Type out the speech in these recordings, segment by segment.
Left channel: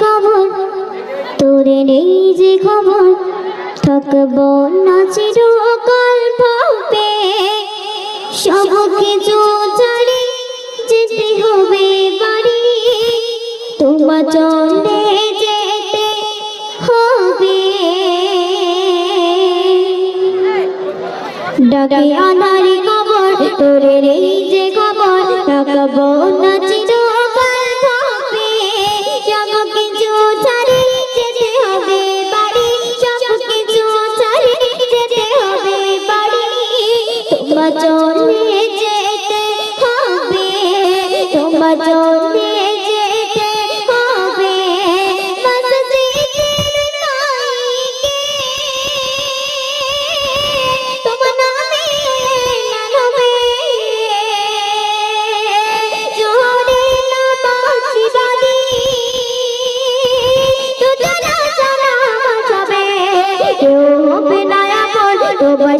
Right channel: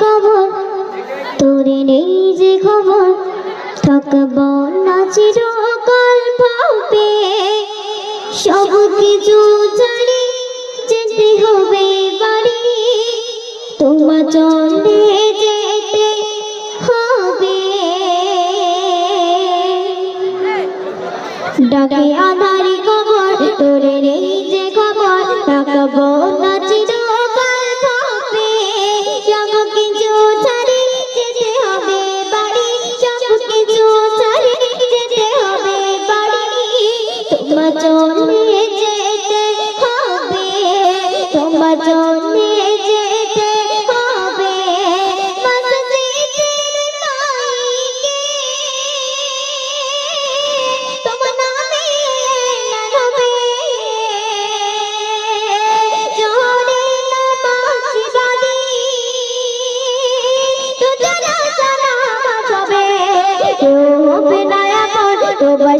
খবর তোরে নেই যে খবর থাকব না চিরকাল পাবে সব কিছু জানি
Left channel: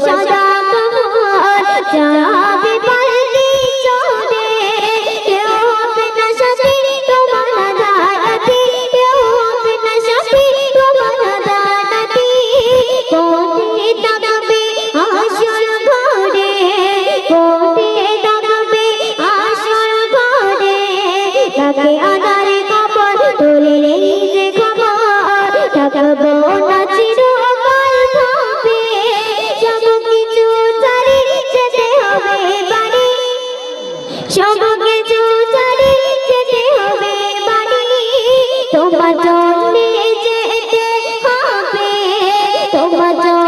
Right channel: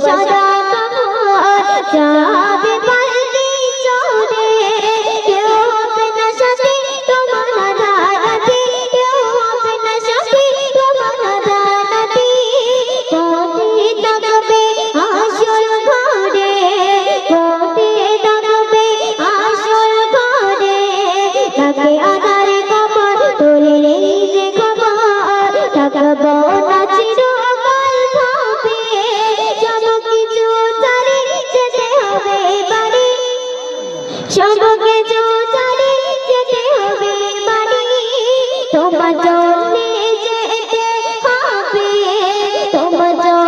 সদা তোমার যাবে পাল্লি চলে কেউ হবে না সাথী তোমার দাদাতি কেউ হবে না সাথী তোমার দাদাতি কোটি দাদাবে আসর ঘরে কোটি দাদাবে আসর ঘরে লাগে বাজাও